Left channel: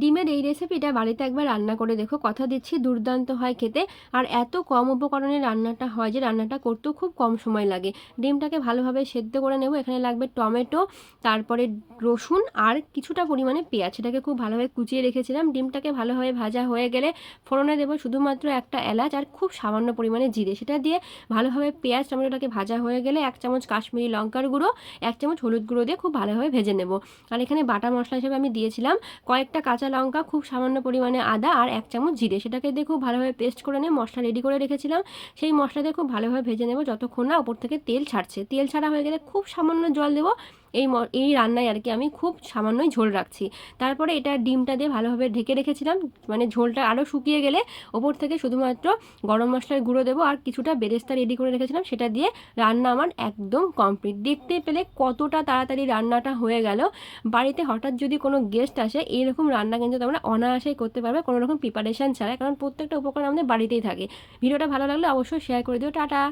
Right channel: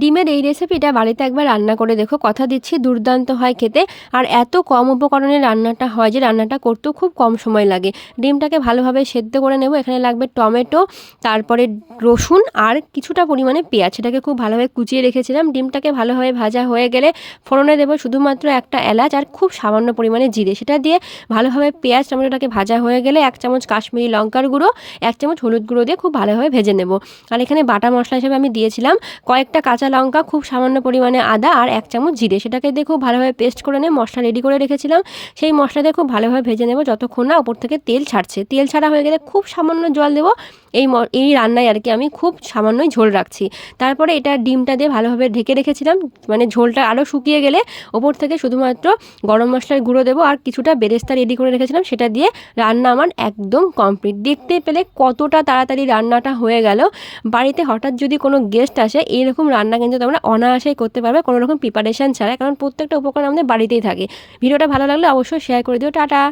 ডিমের এই রেসিপিটা বাড়িতে একবার রান্না করে দেখো, কথা দিচ্ছি দুর্দান্ত হয় খেতে। আর এত কম উপকরণে রান্নাটা হয় যে রান্নাটা করতেও খুব কম সময় লাগে। ডিমটাকে ভালোভাবে সেদ্ধ করে নেব। এখানে লাগবে টমেটো, তারপরে রসুন আর কিছুটা পরিমাণে পেঁয়াজ, সেটাকে খুব ভালোভাবে কুচিয়ে রেখেছিলাম। ডিমটাকে ভালোভাবে ভাজা হয়ে গেলে ফোড়নে দেবো শুধুমাত্র একটা এলাচ আর খুব সামান্য পরিমাণে জিরে। সেটা দিয়ে ভালোভাবে পেঁয়াজ টমেটোটাকে ভাজা হয়ে গেলে 1 চামচ কাশ্মীরি লঙ্কার গুঁড়ো, 1 চামচ হলুদ গুঁড়ো দিয়ে খুব ভালোভাবে ভেজে নেব। আর এখানে বাটা মশলা হিসেবে আমি দিয়েছিলাম কয়েকটা কাঁচা লঙ্কা, খুব সামান্য পরিমাণে আদা আর 1 চামচ জিরে। সেটাকে দিয়ে খুব ভালোভাবে পেস্ট করে নিয়ে মশলা রেডি করে রেখেছিলাম। সেই মশলা দিয়ে খুব ভালোভাবে ভেজে নেব যতক্ষণ না ওপর থেকে তেল ছাড়ছে। তেল ছাড়া হয়ে গেলে খুব সামান্য জল দেবো। এই রান্নায় আর কি আমি খুব সামান্যই ঝোল রাখছি। তারপরে এটা ডিমটা দিয়ে ভালোভাবে ঢেকে রেখেছিলাম। মানে ঝোলটা আরও শুকিয়ে গেলে ওপর থেকে শুধুমাত্র গরম মশলার গুঁড়ো দেবো আর কিছুটা বেরেস্তা রেডি করে রেখেছিলাম, সেটা দিয়ে রান্না আমার একদম কমপ্লিট। দেখতে পেলে কতটা তাড়াতাড়ি রান্নাটা হয়ে গেল। বাড়িতে হঠাৎ যদি কোনো গেস্ট আসে, এইরকম রান্না কিন্তু তোমরা অনায়াসেই করতে পারবে কোনো রকম প্রিপারেশান ছাড়া, কারণ প্রত্যেকটা উপকরণ আমাদের বাড়িতেই থাকে। ভিডিওটা ভালো লাগলে অবশ্যই শেয়ার করে দিও। টাটা।